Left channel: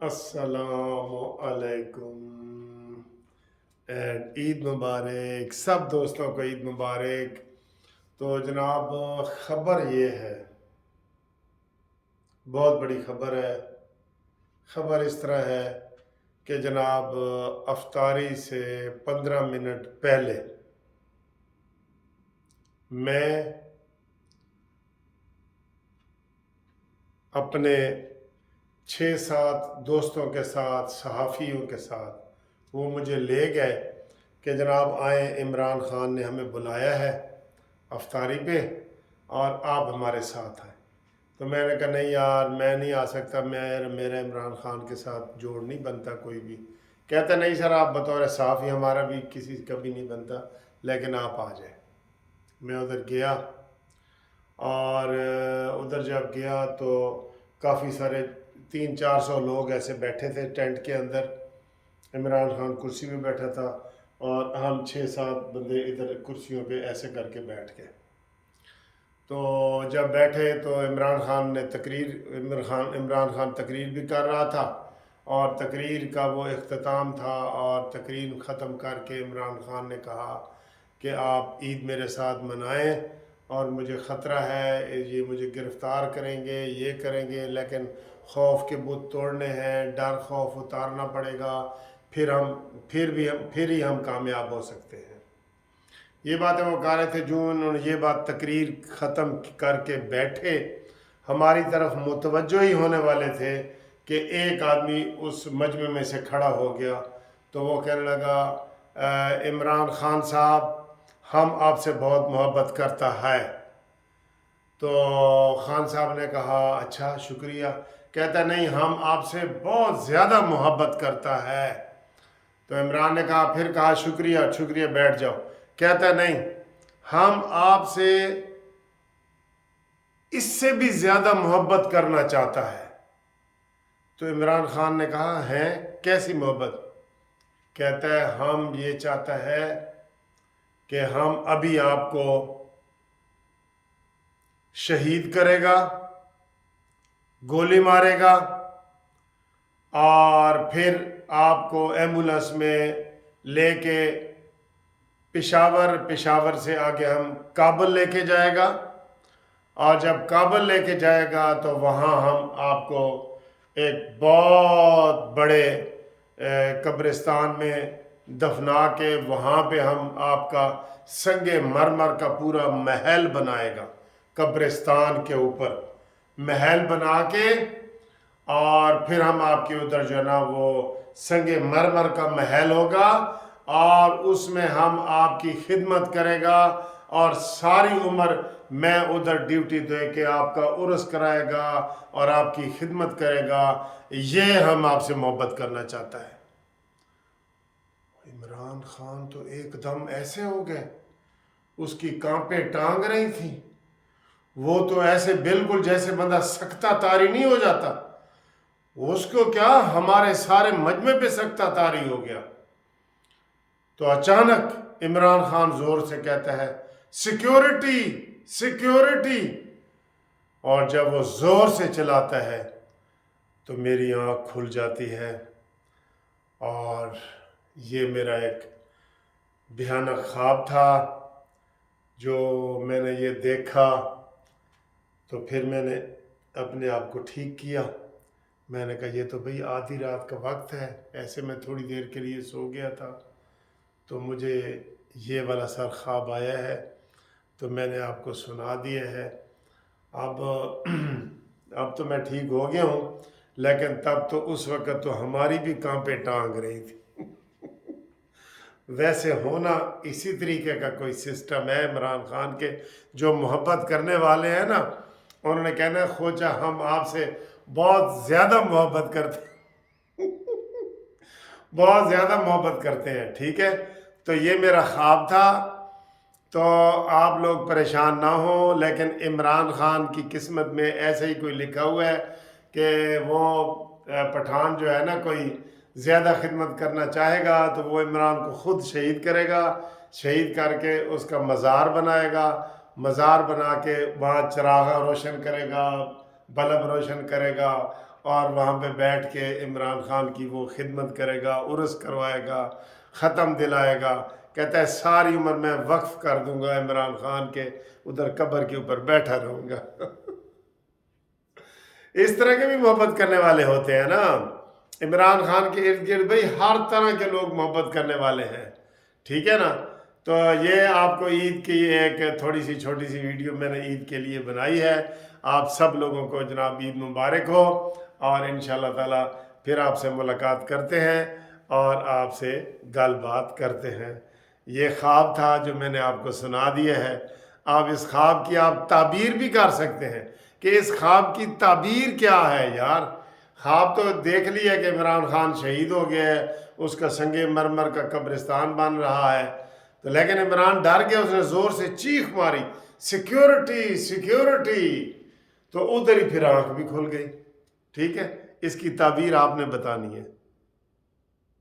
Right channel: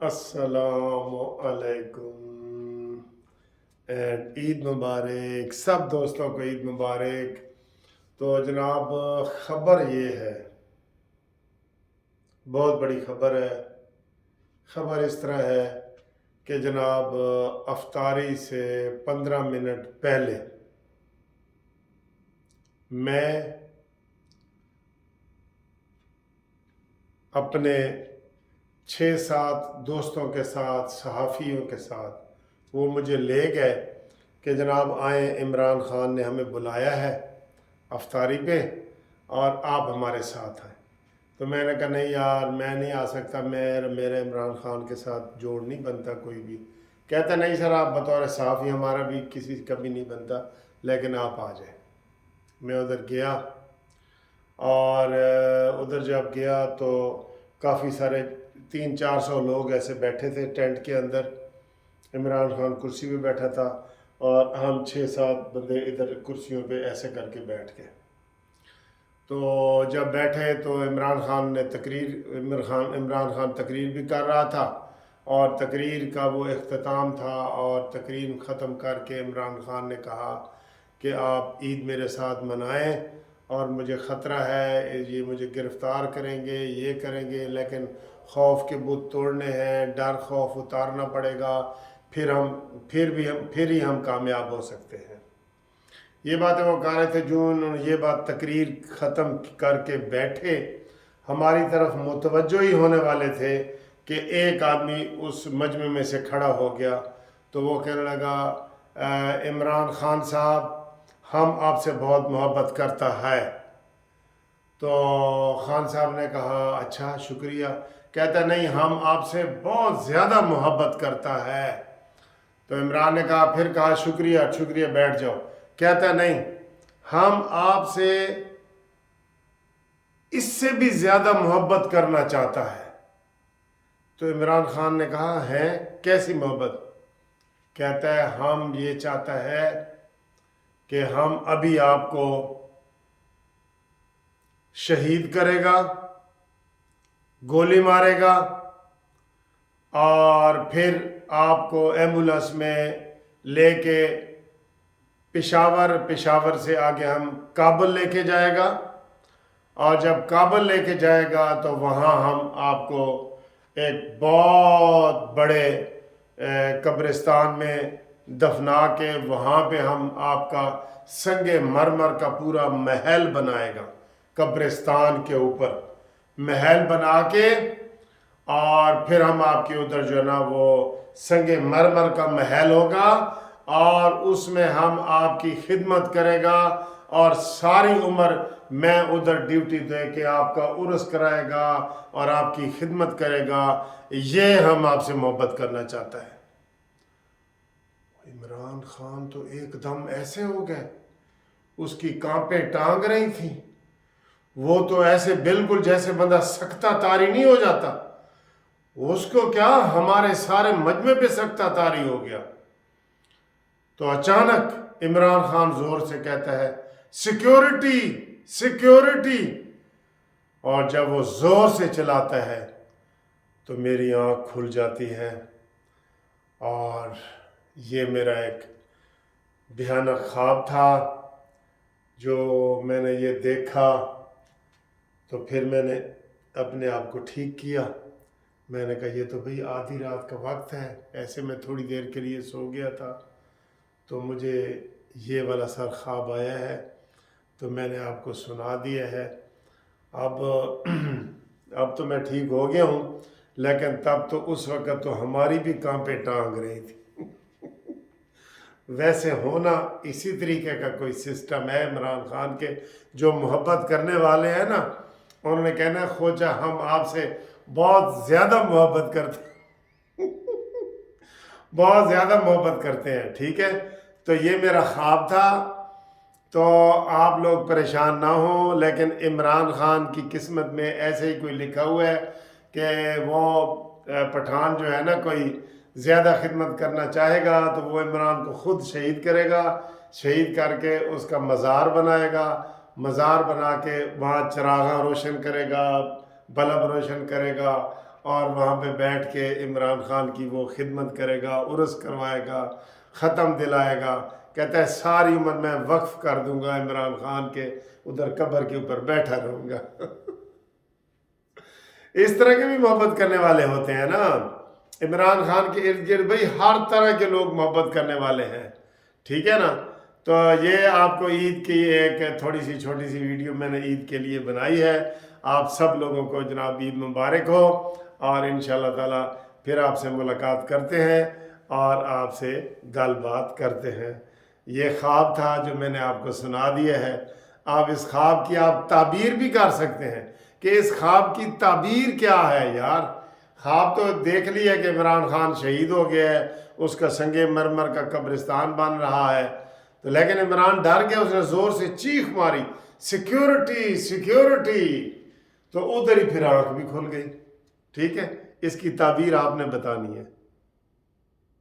अस्सलामु अलैकुम एंड ईद मुबारक। सब दोस्तों को ईद मुबारक। तो जनाब, ख़बर ये है, बहुत बड़ी ख़बर है। ख़बर इस तरह है कि जनाब, अफ्तारी से 15 मिनट पहले मैं अपने 6-7 दोस्तों के साथ, सहाफ़ियों के साथ, वो मुझे ले गए कि जनाब आए, इमरान ख़ान ने हमें बुलाया है अफ्तारी पे और आप हमारे साथ आए। तो मैंने कहा नहीं यार, मैं नहीं आ सकता, मेरा इमरान ख़ान के साथ जोड़ नहीं बनता कोई भी। कहता नहीं सर, आप बतौर सहाफ़ी हमारा भी किसी का भी नहीं बनता, लेकिन आप आ जाए। मैं उधर गया और उधर जब गया तो काफ़ी सारे 300-400 लोग ऐसे बैठे थे टेंट के अंदर। इमरान खान कुर्सी पे बैठा था और हम 6-7 बंदे इधर कुर्सियों पे ऐसे करके बैठ गए। तो जब बैठे तो इमरान खान तकरीर भी कर रहा था और तकरीर का वो इख्तिताम था। और तकरीर ख़त्म करके इमरान खान ने कहा कि आप ईद मेरे साथ मनाएं और मुझे ख़तरा है, ये मुझे गिरफ़्तार करेंगे, ये करेंगे, लेकिन खौफ के बुत तोड़ने हैं, डर खौफ उतारना पड़ेगा, फिर ही हम कामयाब हो सकते हैं। ये बातें वो कह रहे थे। जो उन्होंने ये बात तकरीर ख़त्म करके बैठे, हमारी तरफ मुतवज्जो ही होने वाले थे कि एक आदमी उस मजमे में से खड़ा हो गया। तो वो कहने लगा, इमरान खान साहब, हम आपसे बहुत मोहब्बत करता है। तो खान साहब ने कहा अच्छा शुक्रिया। कहता नहीं, हम आपसे बहुत ज़्यादा मोहब्बत करता है। तो इमरान ने कहा, फिर कहा शुक्रिया शुक्रिया, बैठ जाओ। कहता नहीं, हम आपसे इससे भी ज़्यादा मोहब्बत करना चाहता है। तो इमरान खान ने कहा है, कैसी मोहब्बत? कहता है, हम ये चाहता है कि हम अभी आपको शहीद करेगा, गोली मारेगा और फिर आपको एम्बुलेंस में लेके पेशावर से आगे हम काबुल लेके जाएगा। और जब काबुल लेके जाएगा तो वहाँ हम आपको एक बहुत बड़े कब्रिस्तान में दफना के वहाँ पे हम आपका संगे मरमर का पूरा महल बनाएगा। कब्रिस्तान के ऊपर महल बना के और फिर हम आपके उधर जो है ना, वो संगे मरमर का महल होगा और उसमें हम आपकी खिदमत करेगा और सारी उम्र मैं उधर ड्यूटी दे के आपका उर्स कराएगा और आपकी खिदमत करेगा। ये हम आपसे मोहब्बत करना चाहता है। इमरान खान तो एकदम ऐसे हो गए, उसकी कांपे टांग रही थी। वो तो ऐसे बिल्कुल जैसे बंदा सख्ता तारी नहीं हो जाता, उसको क्या हमारे सारे मजमे पे सख्ता तारी हो गया। तो अचानक इमरान खान जोर से कहता है, सिक्योरिटी सिक्योरिटी। और जब वो जोर से चलाता है तो मेरी आंख खुल जाती है और ये मेरा एक भयानक ख्वाब था जो मैंने ये देखा। तो फिर मैंने अपने आप को ठीक किया। मैंने कहा ये तो भाई आधी रात का वक्त है, ऐसे मैं थोड़ी देर के लिए सो गया था तो मुझे ये वाला सर ख्वाब आया है, तो मैंने आपको सुना दिया है। अब अब तो मैं ठीक हो गया हूँ, लेकिन तब तो उस वक़्त तो हमारी भी कांपे टांग रही थी। वैसे होना इसी तरीके का कोई सिस्टम है इमरान खान के। जो मोहब्बत करने वाले हैं ना, उन्होंने कहना खोजा हम आपसे बहुत ज़्यादा मोहब्बत करते बहुत ज़्यादा मोहब्बत करते हैं। ठीक है, तो ये मेरा ख्वाब था। तो आप लोग परेशान ना हो, लेकिन इमरान खान की किस्मत में ऐसे ही कोई लिखा हुआ है कि वो पठान जो है ना, कोई ज़्यादा खिदमत करना चाहेगा तो वो इमरान को ख़ुद शहीद करेगा। शहीद करके उसका मज़ार बनाएगा, मज़ार बना के वहाँ चरागा रोशन करेगा, बल्ब रोशन करेगा اور وہاں پہ بیٹھ کے عمران خان کی وہ خدمت کرے گا، عرس کروائے گا، ختم دلائے گا، کہتا ہے ساری عمر میں وقف کر دوں گا عمران خان کے، ادھر قبر کے اوپر بیٹھا رہوں گا۔ اس طرح کے بھی محبت کرنے والے ہوتے ہیں نا۔ عمران خان کے ارد گرد بھائی ہر طرح کے لوگ محبت کرنے والے ہیں، ٹھیک ہے نا۔ تو یہ آپ کو عید کی ایک تھوڑی سی چھوٹی سی ویڈیو میں نے عید کے لیے بنائی ہے۔ آپ سب لوگوں کو جناب عید مبارک ہو، اور انشاءاللہ تعالی پھر آپ سے ملاقات کرتے ہیں اور آپ سے گل بات کرتے ہیں۔ یہ خواب تھا جو میں نے آپ کو سنا دیا ہے۔ آپ اس خواب کی آپ تعبیر بھی کر سکتے ہیں کہ اس خواب کی تعبیر کیا ہے یار۔ خواب تو دیکھ لیا کہ عمران خان شہید ہو گیا ہے، اس کا سنگ مرمر کا قبرستان بن رہا ہے، تو لیکن عمران ڈر گیا، اس نے زور سے چیخ ماری، سیکیورٹی سیکیورٹی، تو ادھر ہی پھر آنکھ بھی کھل گئی۔ ٹھیک ہے، اس کی تعبیر آپ نے بتانی ہے۔